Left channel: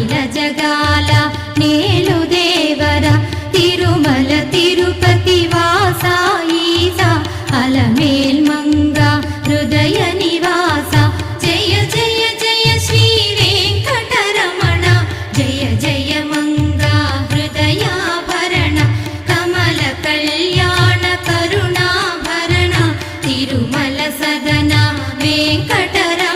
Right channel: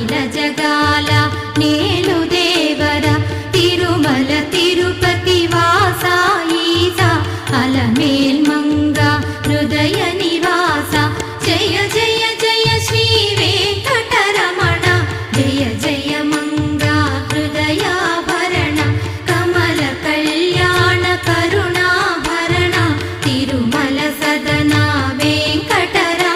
అఖిల జగాల నేలు దేవర తిరుమల తిరుపతి వాసా ఈసా అలమేల్ మంగ హృదయ నివాస జయ జయ జయ శ్రీ వెంకటరమణ జయ జయ మంగ హృదయాభరణ కమల కళ్యాణ కరుణాభరణ తిరుమల సదన వెంకటరమణ